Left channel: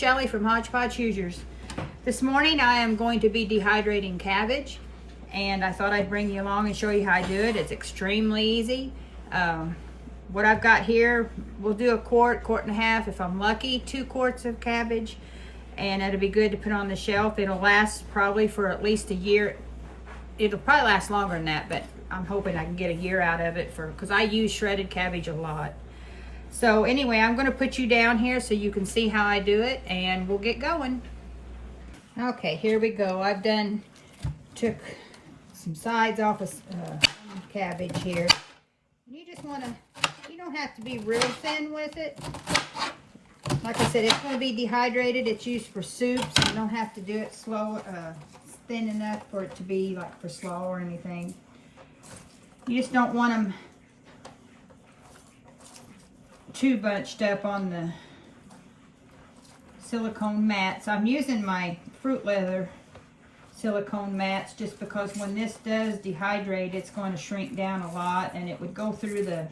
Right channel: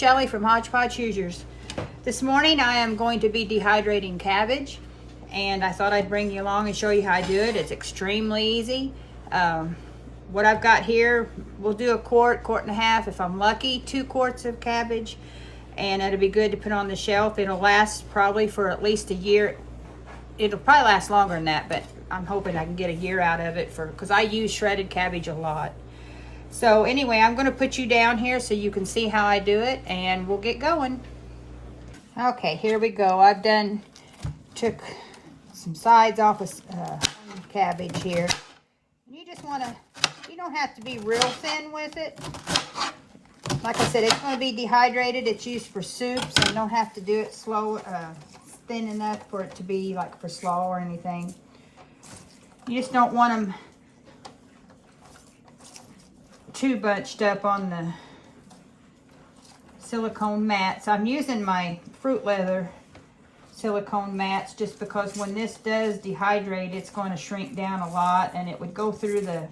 Shelley from Hodgepodge Hoosiers. This morning I am going to be dehydrating cabbage, and I thought I'd bring you along and show you how I do it. It's extremely easy. What I've got here, we'll do a quart and a half, if I'm lucky, 2 quarts of cabbage, and it'll be good to put on the shelf. It'll last probably for at least a year. It'll probably last longer than that, but I'm hoping I can get a year out of it because I use shredded cabbage a lot. So anyway, I'm going to put you down here so you can see how I do it, and we'll get going. Okay, here we go. Took some sides off of cabbage here. You just want to, you don't have to be real thin with it. Like I said, it's going to be dehydrated. It's used for soup, so you don't have to do it thin enough for it to be like for slaw or anything. You just don't want them too bunched up on the silicone mats. I'm using my fruit leather silicone mats just because when this does dehydrate, it's going to shrink down a lot, and it would go through the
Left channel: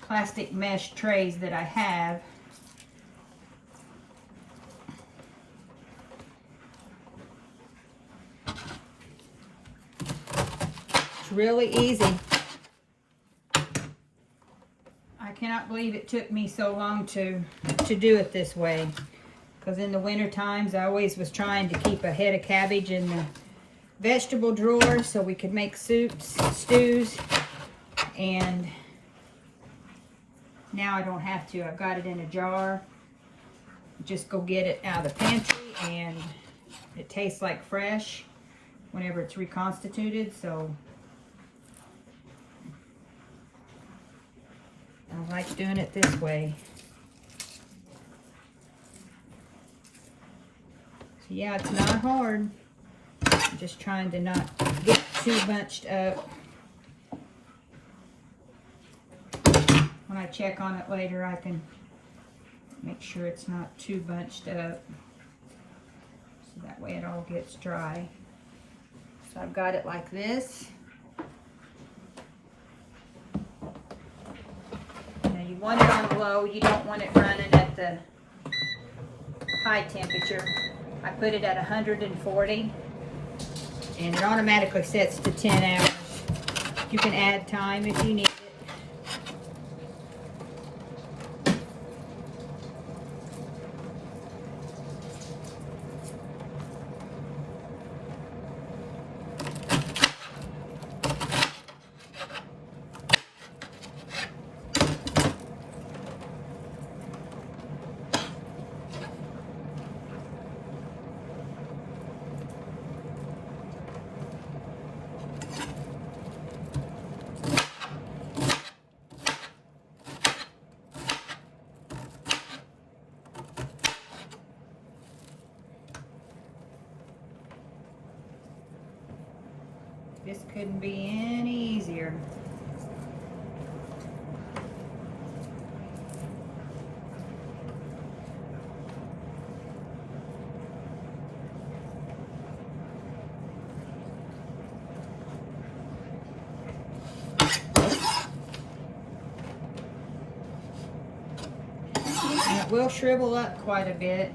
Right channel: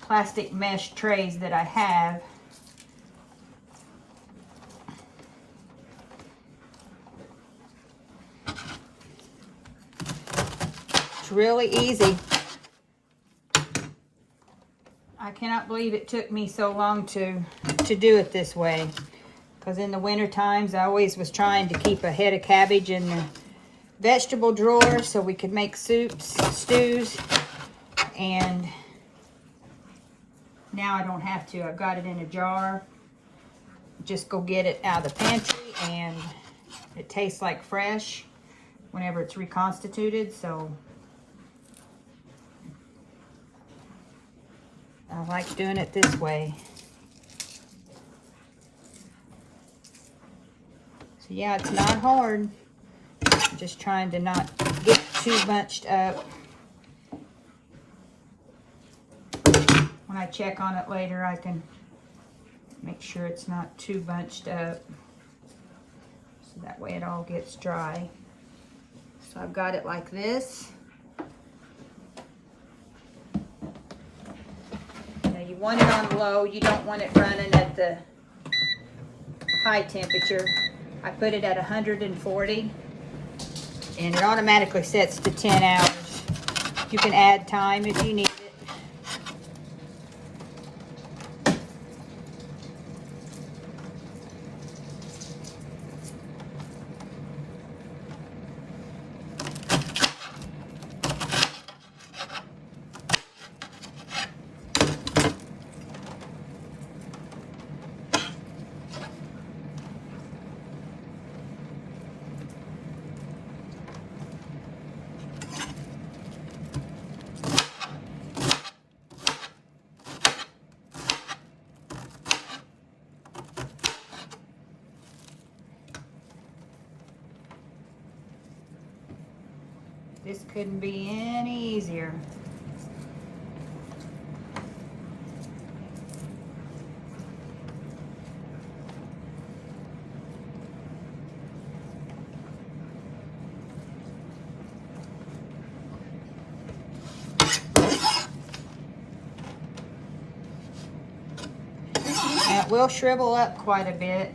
plastic mesh trays that I have. It's really easy. I cannot believe it took me so long to do it this way, because in the winter times I always was trying to keep a head of cabbage in the vegetable drawer so we could make soups, stews, and now I don't have to. I've got it in a jar. Just go get it out of the pantry, and it tastes like fresh whenever it's reconstituted, so I like doing it this way. So yeah, it's not hard. I'm just trying to not get too bunched up. When I check on it later, I can make sure it's not too bunched up. So that way it all gets dry. So I've got it like this. You want it on low. You don't want it running at the high temperature. I put it at 140, and it automatically sets to 10 hours. You can add time if you need it. This couldn't be any easier. And it will shrivel up quite a bit.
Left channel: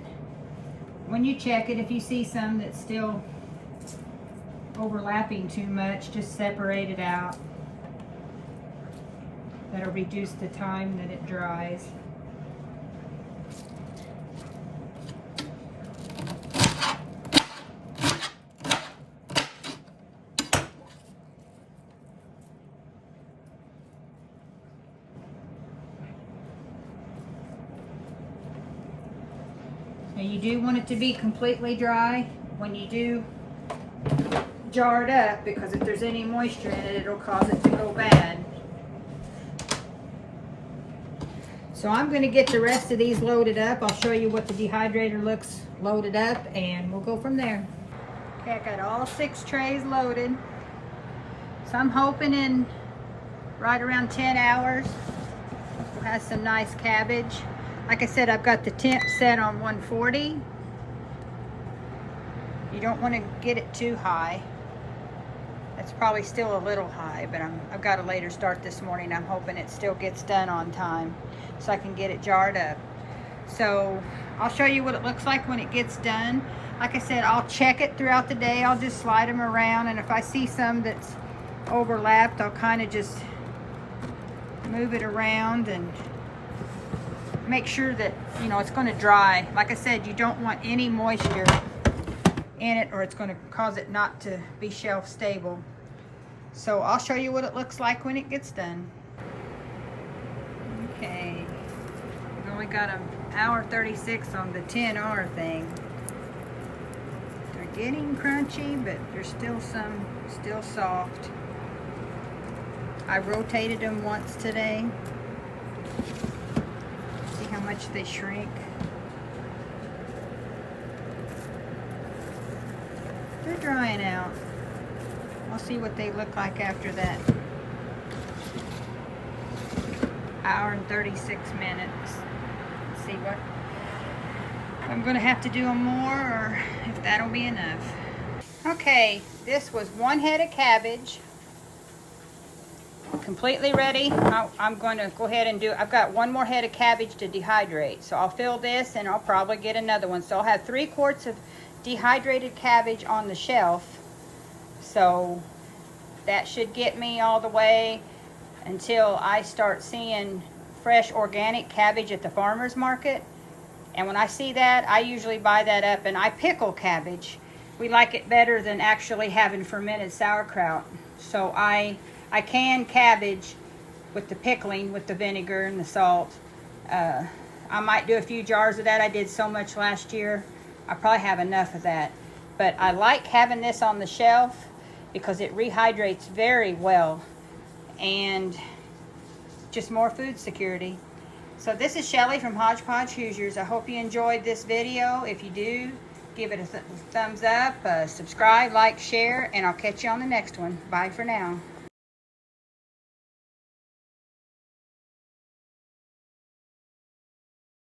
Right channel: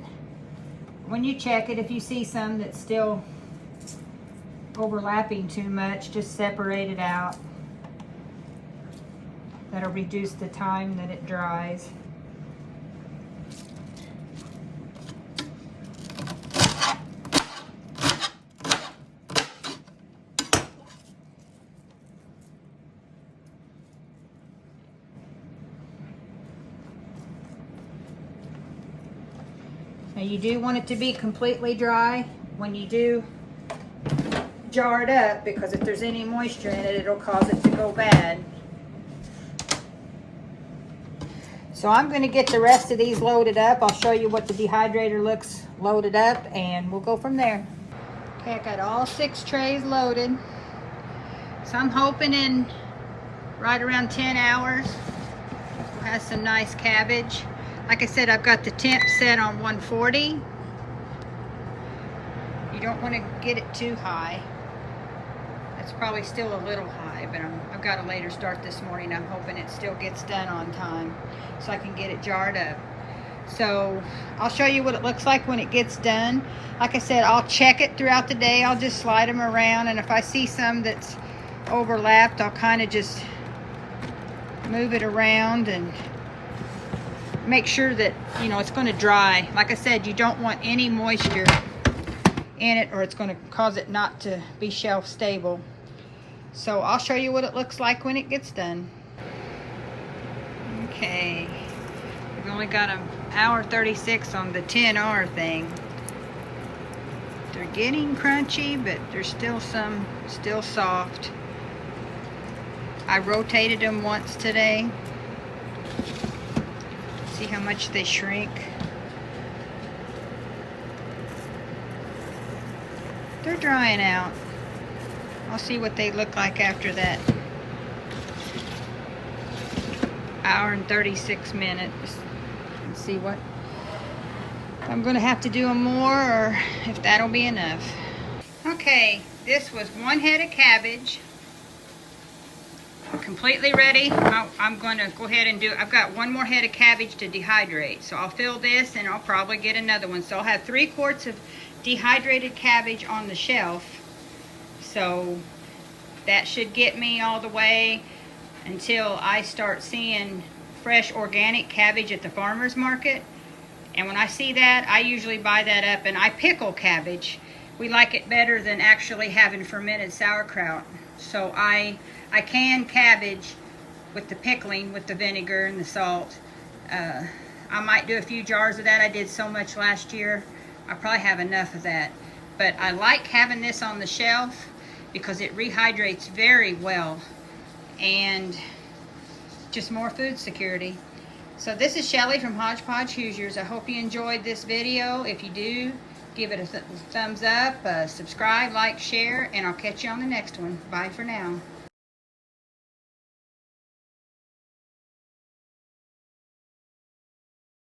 When you check it, if you see some that's still overlapping too much, just separate it out. That'll reduce the time that it dries. Now you do want it to be completely dry when you do jar it up, because if there's any moisture in it, it'll cause it to go bad. So I'm going to get the rest of these loaded up. I'll show you what the dehydrator looks loaded up, and we'll go from there. Okay, I got all 6 trays loaded. So I'm hoping in right around 10 hours we'll have some nice cabbage. Like I said, I've got the temp set on 140. You don't want to get it too high. It's probably still a little high, but I've got a later start this morning. I'm hoping it still gets done on time so I can get it jarred up. So I'll show you what it looks like when it gets done. Like I said, I'll check it throughout the day. I'll just slide them around, and if I see some that's overlapped, I'll kind of just move it around and make sure that, you know, it's going to dry. Like I said, you don't want any moisture in it, or it's going to cause it not to be shelf stable. So I'll show you what it looks like when it gets done. Okay, we've only got an hour 36 on the 10R thing. They're getting crunchy, but there's still some still soft. I rotated them once today. See how much they shrink. They're drying out. We'll see what they look like after that hour and 36 minutes. Let's see what I'm gonna have to do them more, or if that'll be enough. Okay, this was one head of cabbage, completely ready. I'm going to go ahead and I've got one more head of cabbage to dehydrate. So I'll fill this and I'll probably get another one. So I'll have 3 quarts of dehydrated cabbage on the shelf. So that should get me all the way until I start seeing fresh organic cabbage at the farmer's market. And when I see that, I usually buy that up, and I pickle cabbage. We like it better than actually having fermented sauerkraut. So I can cabbage with the pickling, with the vinegar and the salt. I might do a few jars of that. I did so much last year. I probably have enough of that. But I like having this on the shelf because it rehydrates very well, and just more food security. So this is Shelly from Hodgepodge Hoosiers. I hope you enjoyed this video. If you do, give it a thumbs up, subscribe, like, share, and I'll catch you on the next one. Bye for now.